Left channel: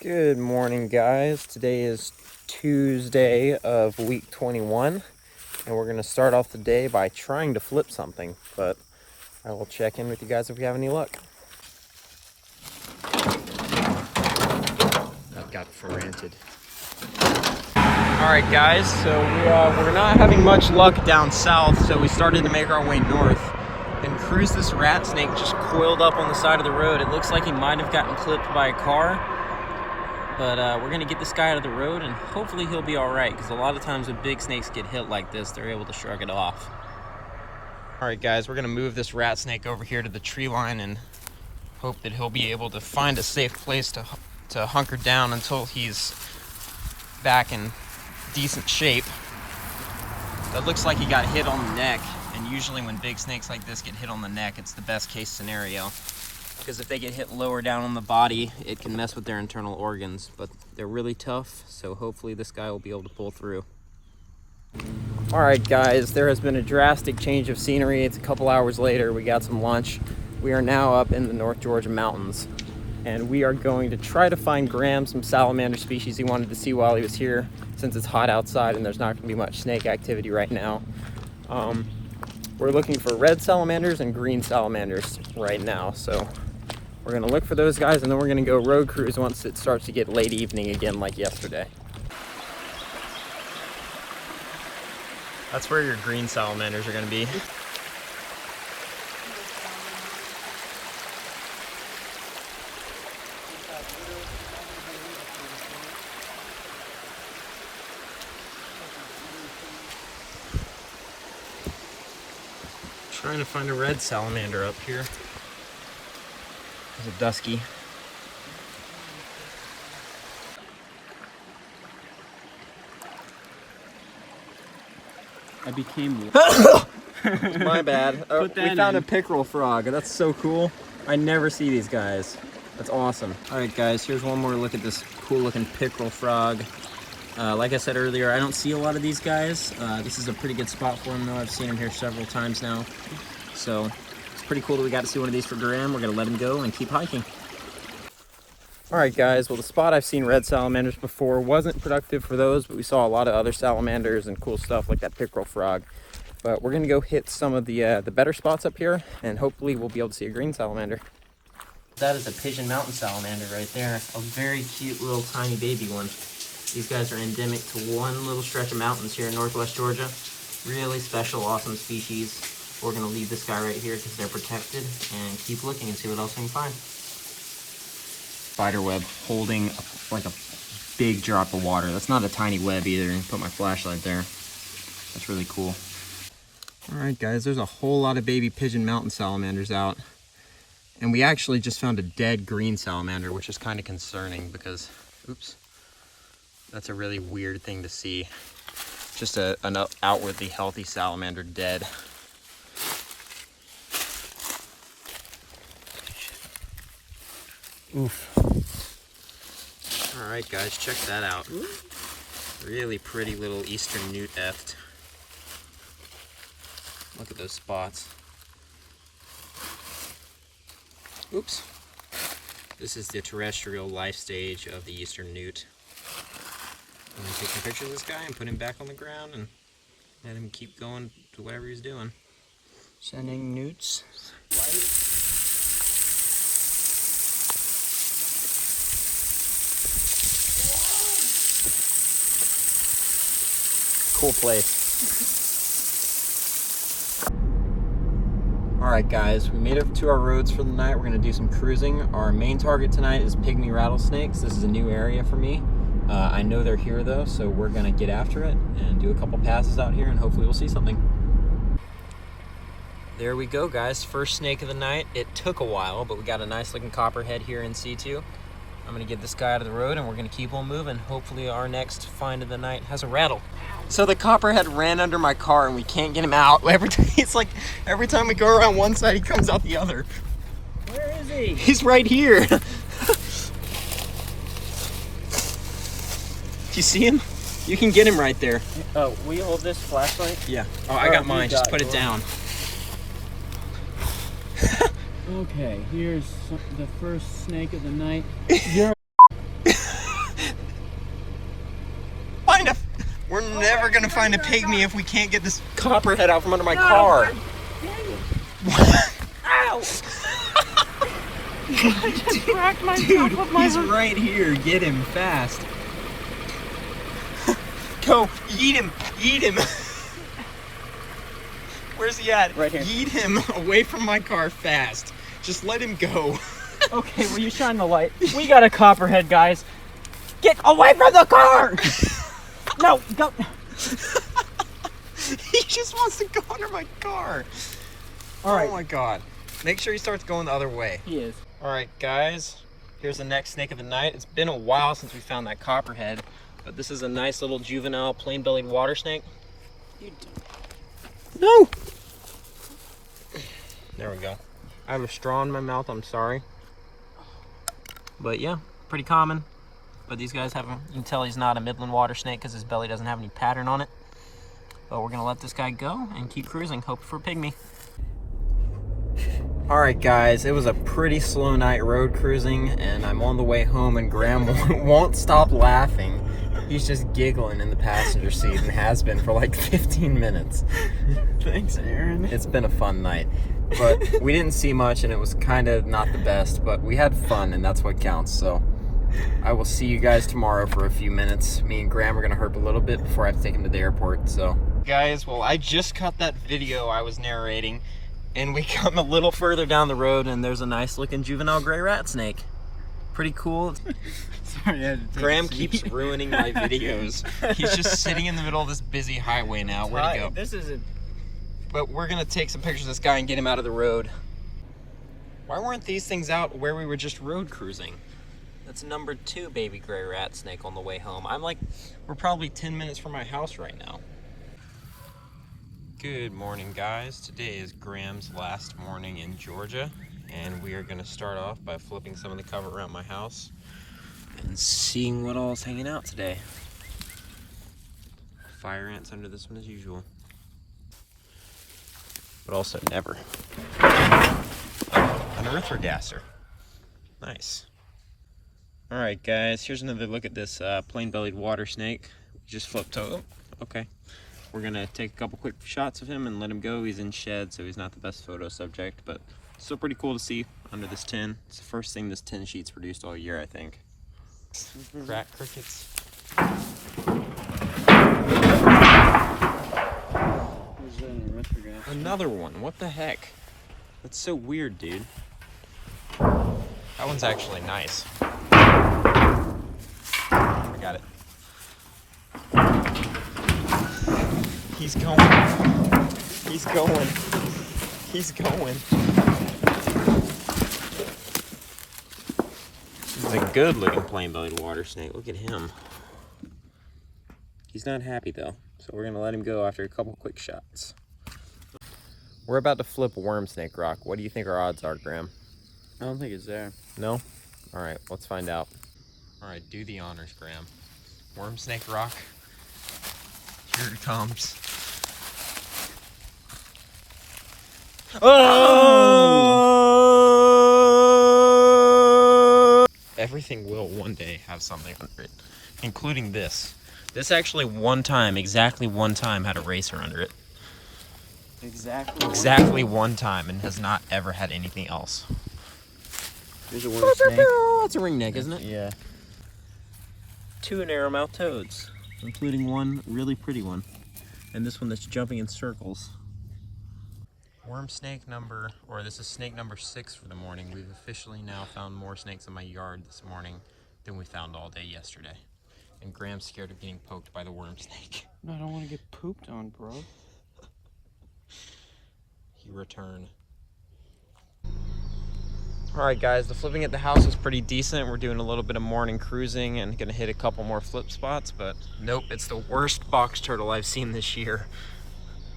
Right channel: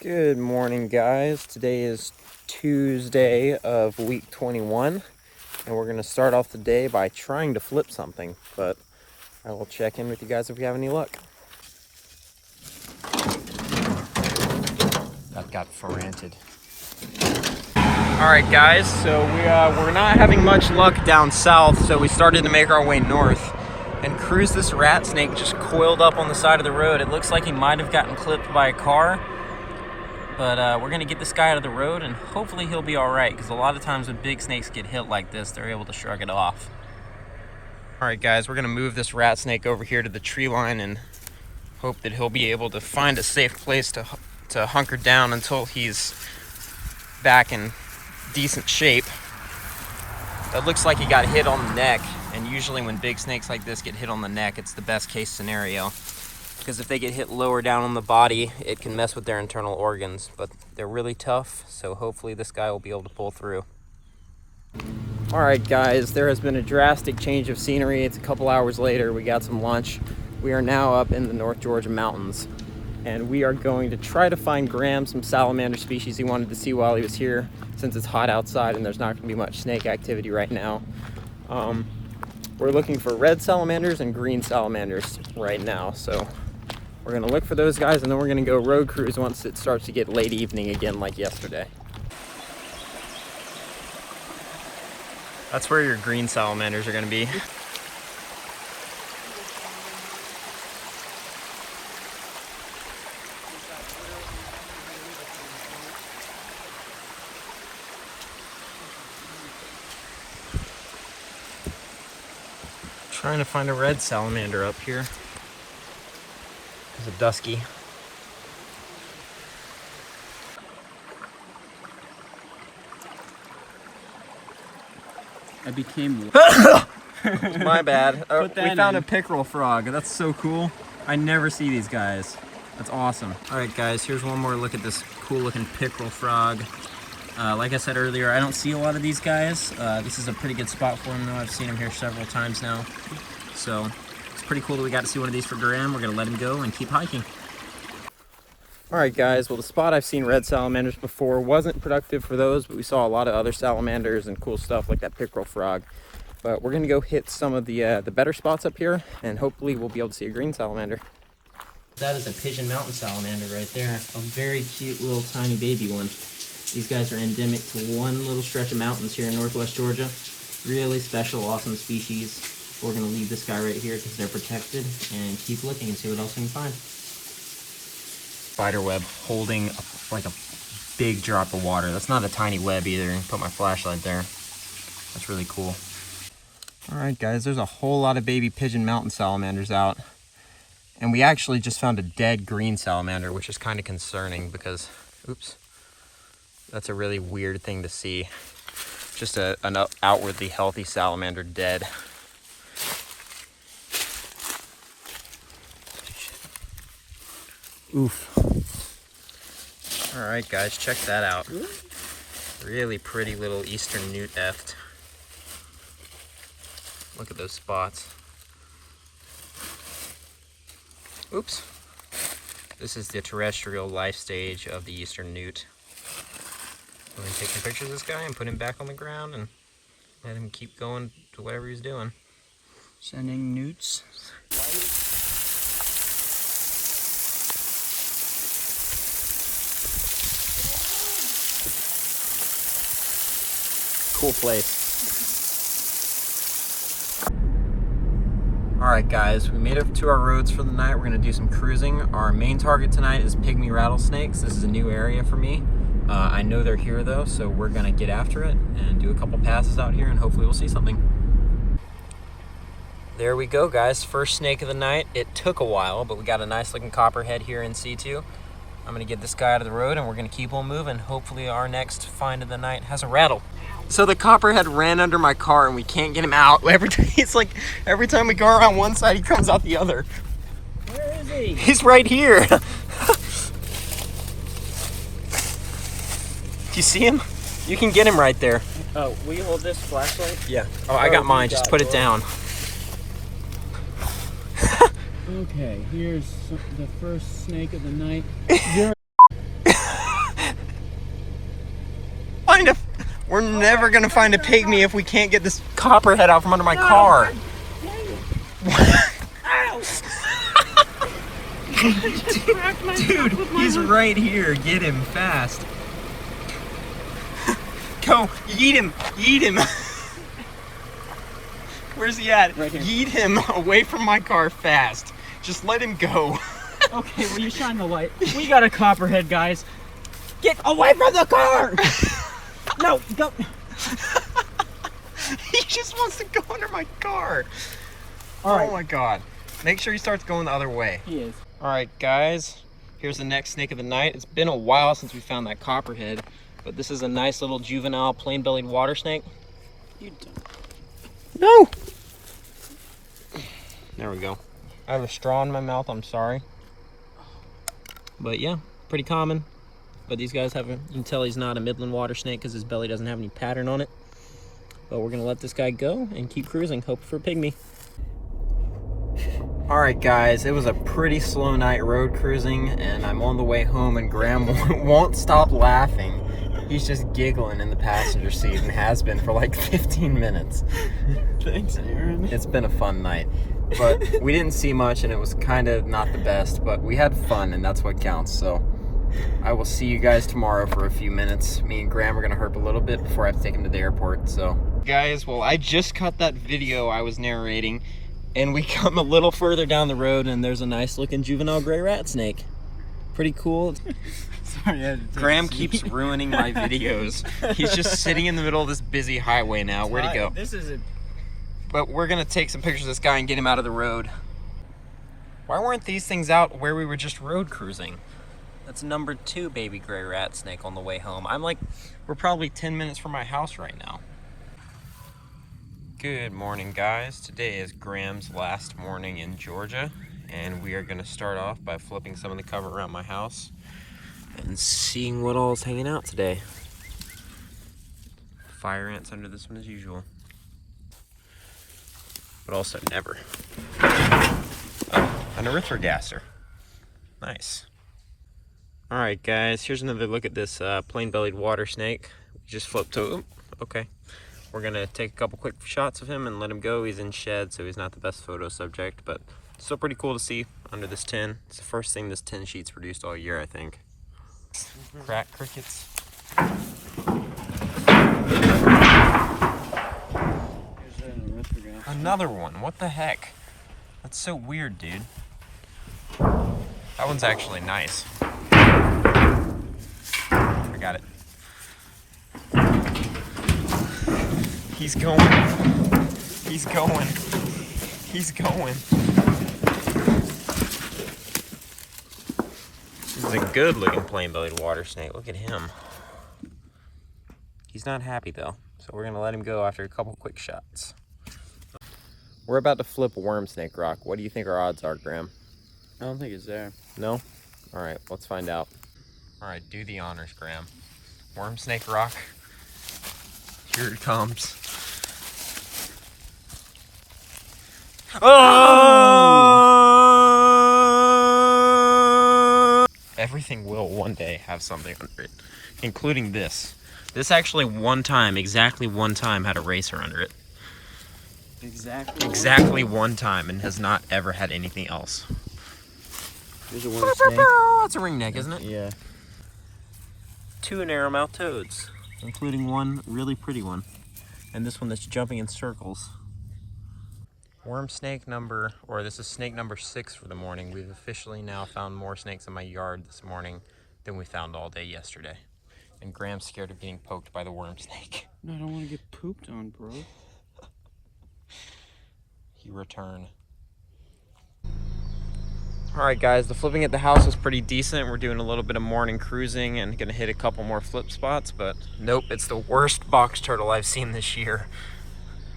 Good morning, guys. Today is Tuesday of week 21, and we're going to start off the day by trying to flip something, but I will check in with you guys if we have any luck. That got frantic. Alright guys, so we're not having much luck down south, so we started to make our way north. And Cruz, this rat snake, just coiled up on the side of the road. It looks like he might have gotten clipped by a car. But we're going to get this guy out of the road, and hopefully he'll be alright, because a lot of times when big snakes get hit like this, they're able to shrug it off. Alright guys, we're going to move this rat snake over here to the tree line and hope that he'll be able to find a safe place to hunker down until he's back in decent shape. That looks like he got hit on the neck, and usually when big snakes like this get hit on the neck, it's the best case scenario. Because if they get hit lower down on the body, it can mess with their internal organs. But they're really tough, so hopefully this guy will be able to pull through. Alright guys, there has been a drastic change of scenery. It's a couple hours later, we got some lunch. We are now up in the North Georgia mountains. And we are going to try to find Graham some salamander species he wanted to see while he was here, since it's hot outside and there's not going to be much snake activity right now. We're looking for red salamanders and green salamanders right now, so we're going to look for those guys, and then we're going to go road cruise once it starts to get late evening again like yesterday. That's where your green salamanders are going to be. Trying to find a red salamander up here. There's a dusky. I became My bad. We found a pickerel frog. That's so cool. I never see these guys. That's awesome. Alright guys, here's one more look at this cool looking pickerel frog. Like I said earlier, I don't see a lot of these guys. This is a pretty good spot for them though. I've seen them here several times now. So it's pretty cool that we got to see one of these for Graham. We're going to let him go and keep hiking. Alright guys, well the spot I've seen red salamanders before wasn't productive for those, but we saw a lot of other salamanders and cool stuff like that pickerel frog. But we're going to go hit some of the better spots up here, and hopefully we'll be able to see a green salamander. That is a Pigeon mountain salamander right there. A very cute little tiny baby one. These guys are endemic to one little stretch of mountains here in northwest Georgia. Really special, awesome species. We're going to leave this guy right here because they're protected, and keep looking and see what else we can find. Spider web holding like a big drop of water. That's not a tiny web either. Put my flashlight there. That's really cool. Alright guys, there's a whole lot of baby Pigeon mountain salamanders out. And we actually just found a dead green salamander, which is kind of concerning because, oops, that's a really weird thing to see. Just an outwardly healthy salamander dead. Oof. Alright guys, check that out. Really pretty little eastern newt eft. Look at those spots. Oops. This is the terrestrial life stage of the eastern newt. I'm going to take some pictures of this guy and put him back on the ground and let him keep going to whatever he's doing. Sending newts. Cool place. Alright guys, we made it to our roads for the night. We're going to do some cruising. Our main target tonight is Pygmy Rattlesnakes. This is a new area for me. I know they're here though, so we're going to get after it and do a couple passes out here, and hopefully we'll see something. There we go guys, first snake of the night. It took a while, but we got a nice looking copperhead here in situ. I'm going to get this guy out of the road and we're going to keep on moving. Hopefully our next find of the night has a rattle. So the copperhead ran under my car and we can't get him out. Every time we go around one side, he comes out the other. Where is he? He's right here. Do you see him? You can get him right there. Oh, will you hold this flashlight? Yeah. Oh, I got mine. Just put it down. Okay, here's the first snake of the night. We're never gonna find a pygmy if we can't get this copperhead out from under my car. Ow! Dude, he's right here. Get him fast. Go, yeet him, yeet him. Where's he at? Right here. Yeet him away from my car fast. Just let him go. Okay, will you shine the light? We got a copperhead, guys. Get away from the car! No, go. He just wants to go under my car. All right. Oh my god. Make sure he starts going the other way. He is. All right, guys. Here's the next snake of the night. It's been a while since we found that copperhead, but this is a nice little juvenile plain-bellied water snake. You don't. No! There we go. I have a straw in my mouth, I'm sorry. But yeah, pretty common. But these guys have a, you can tell he's not a Midland water snake because his belly doesn't have any pattern on it. But we're gonna let this guy go and keep cruising, hope for a pygmy. All right, guys, it was a pretty slow night road cruising, and I'm on the way home, and Graham won't stop laughing. He's just giggling in the passenger seat and has been for like 15 minutes. Thanks, Aaron. It's been a fun night, but we didn't see much, and it was kind of not the best, but we had fun, and that's what counts. So I will see you guys tomorrow for a few minutes. Me and Graham are gonna herp a little bit before I have to take him to the airport. So guys, well, I just cut that video I was narrating, and we come a little further down the road, and there's a nice looking juvenile gray rat snake. Pretty cool. Sorry, I had to take Graham a seat. keeps ruining my videos. He's just sitting in the middle of this busy highway now. Where'd he go? This is a... But we're gonna take some pictures of this guy and get him out of the road. Why weren't these things out where we were just road cruising? That's number 2 baby gray rat snake on the way home. We're probably 10 minutes from my house right now. Good morning, guys. Today is Graham's last morning in Georgia, and we are gonna start off by flipping some of the cover around my house and seeing what all is hanging out today. Fire ants under this one as usual. But also never. An erythrogasser. Nice. Alright guys, here's another look at this plain-bellied water snake. Just flipped over. Okay. We're gonna take a couple quick shots of him and let him go. He's in shed, so he's not the best photo subject, but still pretty cool to see under this tin. It's the first thing this tin sheet's produced all year, I think. Crack crickets. Another one. What the heck? That's so weird, dude. That one's actually nice. I got it. He's going. He's going. He's going. This is a good looking plain-bellied water snake. Look at him. He's not happy though, so we're gonna let him go after a couple quick shots. We're about to flip a worm snake rock. What do you think our odds are, Graham? I don't think it's there. No? All right, let's find out. All right, do the honors, Graham. Worm snake rock. Here it comes. Oh! Everything will one day have something under it, including this. This actually exactly one time had a racer under it. Exactly one time, and has not ever had anything else. There's a worm snake. That's a ringneck, isn't it? Yeah. 2 narrow-mouthed toads, including one really pretty one, and this one that's jumping in circles. Worm snake this is snake number 6 for the morning. We've officially now found more snakes in my yard this morning than we found all day yesterday. And Graham's scared of getting poked by the worm snake. No, I don't want to get pooped on, bro. He returned. Alright guys, the flipping at the house was pretty decent. We're doing a little bit of morning cruising and gonna hit a couple more flip spots, but nope, it's the worst box turtle I've seen this year.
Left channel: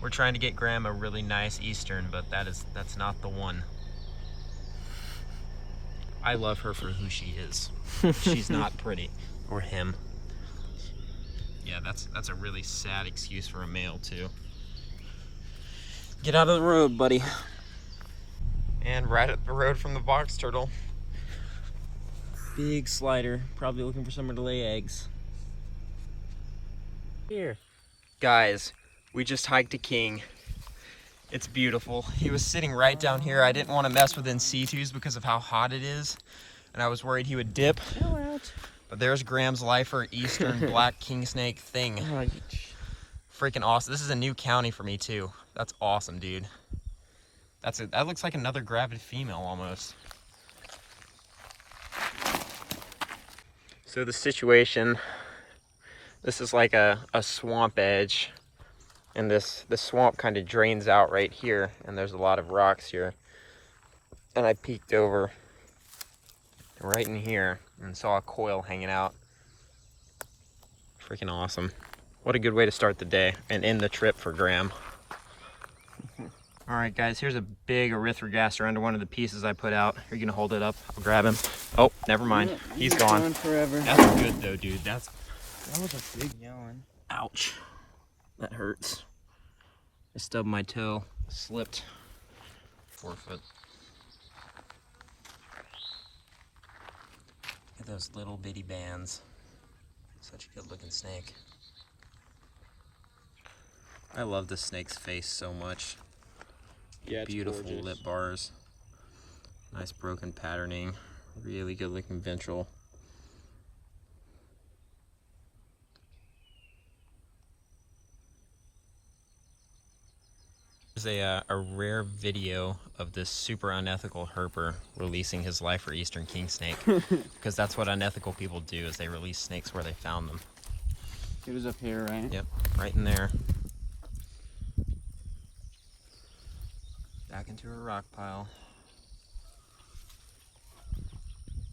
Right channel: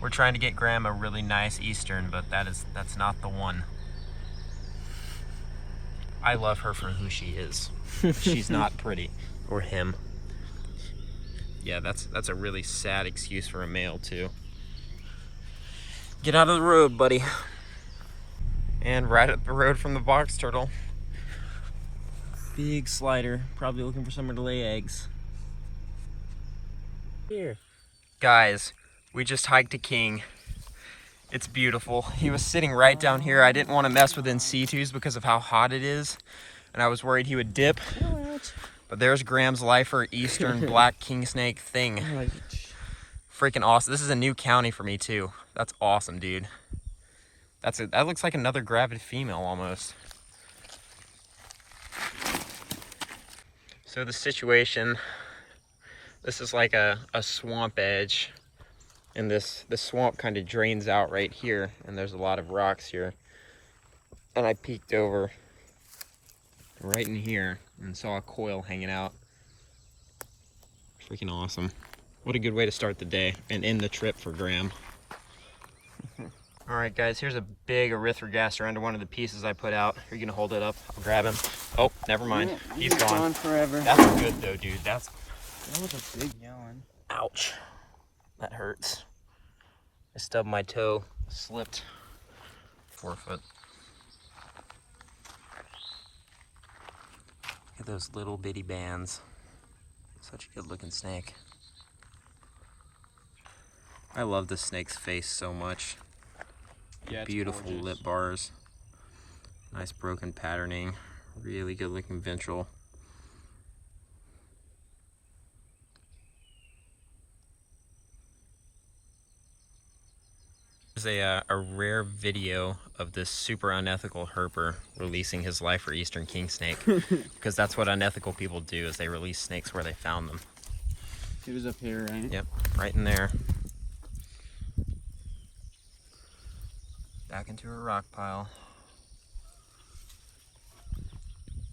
We're trying to get Graham a really nice Eastern, but that's not the one. I love her for who she is. She's not pretty. Or him. Yeah, that's a really sad excuse for a male too. Get out of the road, buddy. And right up the road from the box turtle. Big slider, probably looking for somewhere to lay eggs. Here. Guys, we just hiked a king. It's beautiful. He was sitting right down here. I didn't want to mess with in situs because of how hot it is, and I was worried he would dip. But there's Graham's lifer eastern black king snake thing. Freaking awesome. This is a new county for me too. That's awesome, dude. That looks like another gravid female almost. So the situation, this is like a swamp edge, and the swamp kind of drains out right here, and there's a lot of rocks here. And I peeked over right in here and saw a coil hanging out. Freaking awesome. What a good way to start the day and end the trip for Graham. All right, guys, here's a big erythrogaster under one of the pieces I put out. Are you gonna hold it up? I'll grab him. Oh, never mind. He's gone forever. That's good though, dude. That was a big yarn. Ouch. That hurts. I stubbed my toe, slipped. 4 foot. Look at those little bitty bands. Such a good looking snake. I love this snake's face so much. Yeah, beautiful gorgeous. Lip bars. Nice broken patterning. Really good looking ventral. There's a rare video of this super unethical herper releasing his lifer eastern king snake, because that's what unethical people do, is they release snakes where they found them. He was up here, right? Yep, right in there. Back into her rock pile.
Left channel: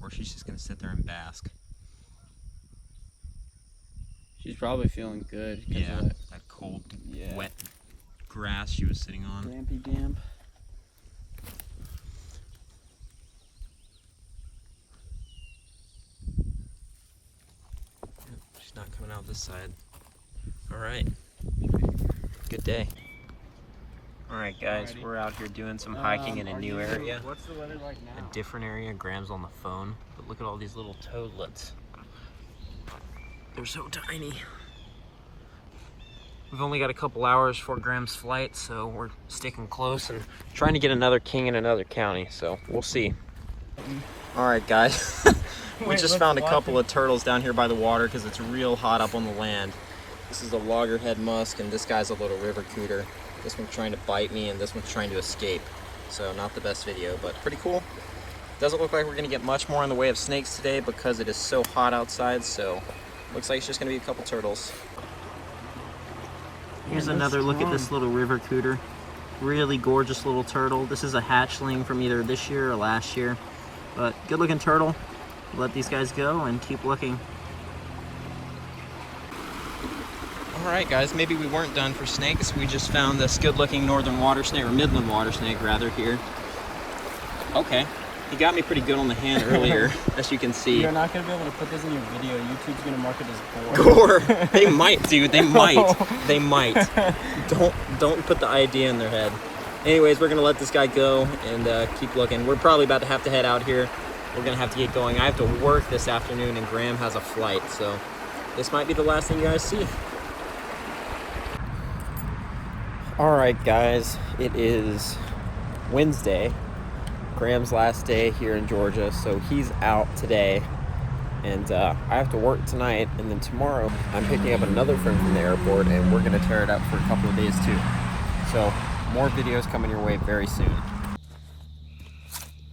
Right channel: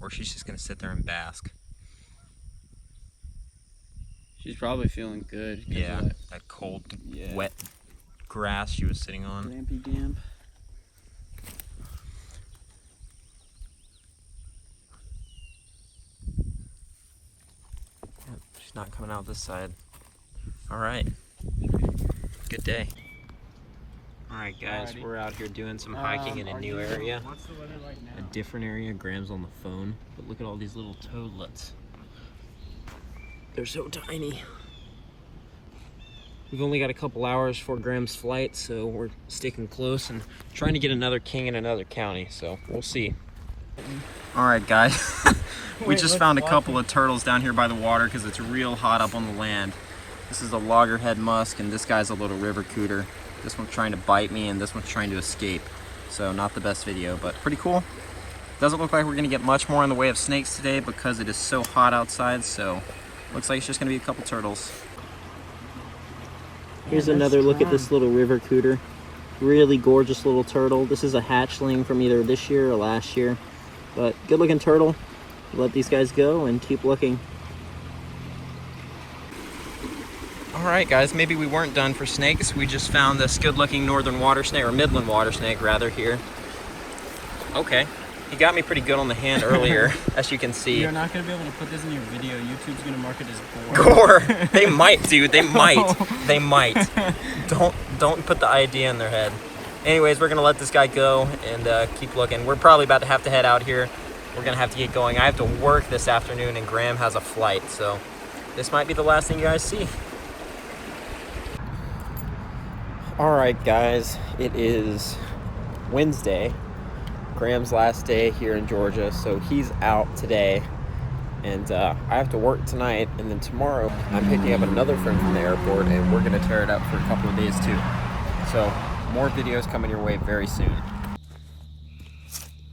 Or she's just gonna sit there and bask. She's probably feeling good. Yeah, that cold, wet grass she was sitting on. Dampy damp. She's not coming out this side. All right, good day. All right, guys, we're out here doing some hiking in a new area. What's the weather like now? A different area. Graham's on the phone, but look at all these little toadlets. They're so tiny. We've only got a couple hours for Graham's flight, so we're sticking close and trying to get another king in another county, so we'll see. All right, guys. We just found a couple of turtles down here by the water because it's real hot up on the land. This is a loggerhead musk, and this guy's a little river cooter. This one's trying to bite me, and this one's trying to escape. So not the best video, but pretty cool. Doesn't look like we're gonna get much more in the way of snakes today because it is so hot outside, so looks like it's just gonna be a couple turtles. Here's another look at this little river cooter. Really gorgeous little turtle. This is a hatchling from either this year or last year, but good looking turtle. Let these guys go and keep looking. All right, guys, maybe we weren't done for snakes. We just found this good-looking northern water snake, or midland water snake, rather, here. Okay, he got me pretty good on the hand earlier, as you can see. You're not gonna be able to put this in your video. YouTube's gonna mark it as gore. They might, dude. They might. They might. Don't put the idea in their head. Anyways, we're gonna let this guy go and keep looking. We're probably about to have to head out here. We're gonna have to get going. I have to work this afternoon, and Graham has a flight, so this might be the last thing you guys see. Alright guys, it is Wednesday, Graham's last day here in Georgia, so he's out today, and I have to work tonight, and then tomorrow I'm picking up another friend from the airport, and we're going to tear it up for a couple of days too. So, more videos coming your way very soon.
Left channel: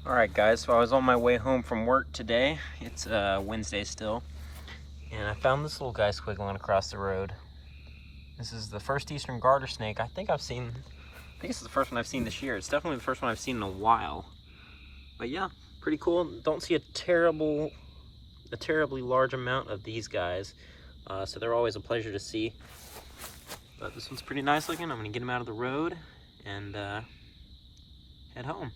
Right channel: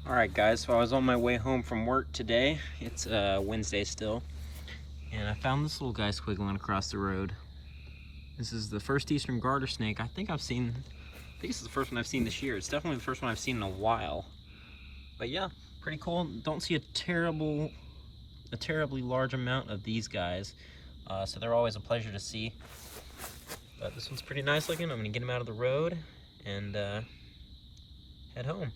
Alright guys, so I was on my way home from work today. It's Wednesday still, and I found this little guy squiggling across the road. This is the first eastern garter snake I think this is the first one I've seen this year. It's definitely the first one I've seen in a while. But yeah, pretty cool. Don't see a terribly large amount of these guys. So they're always a pleasure to see. But this one's pretty nice looking. I'm gonna get him out of the road and head home.